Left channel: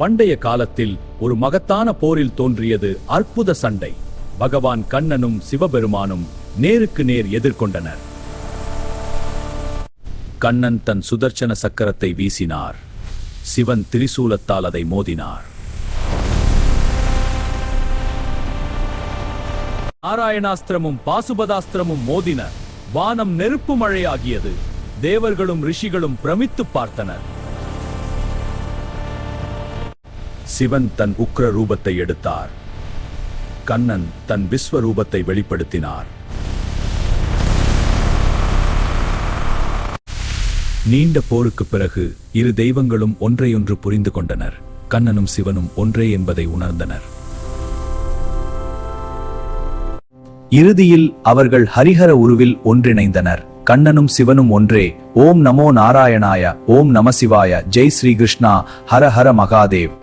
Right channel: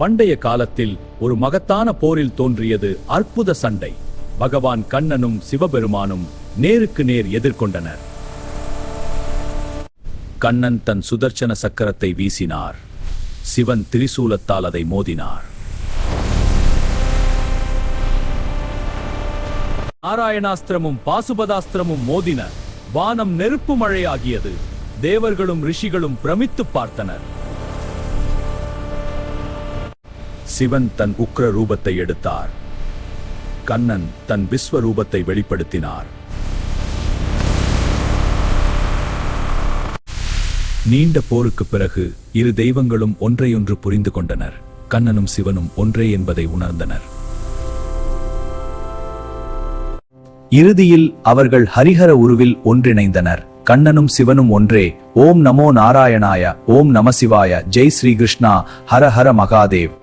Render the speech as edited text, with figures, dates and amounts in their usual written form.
பண்டைய காலத்தில் ஒரு மகத்தான போரில் தோன்றியது அற்புத சண்டை. பகவான் கண்ணனும் சிவபெருமானும் நேருக்கு நேர் எதிர்கொண்டனர். கண்ணன் தன் சுதர்சன சக்கரத்தை வீசினார். சிவன் திரிசூலத்தால் அதை மோதினார். நாராயணாஸ்திரமும் பாசுபதாஸ்திரமும் மோதின. வானம் நெருப்பு மழையாகியது. தேவர்களும் ரிஷிகளும் பிரமித்து பார்த்தனர். சிவன் தன் உக்ர ரூபத்தை எடுத்தார். கண்ணன் தன் விஸ்வரூபத்தை வெளிப்படுத்தினார். நீண்ட போருக்கு பிறகு இரு தெய்வங்களும் ஒன்றையொன்று புரிந்து கொண்டனர். கண்ணனும் சிவனும் ஒன்றே என்பதை உணர்ந்தனர். இறுதியில் அவர்கள் ஹரிஹர உருவில் ஒன்றிணைந்தனர். கண்ணனும் சிவனும் ஒன்றே. ஓம் நமோ நாராயணாய. ஓம் நம சிவாய. ஜெய் ஸ்ரீ கிருஷ்ணா. ஹர ஹர மகாதேவ்.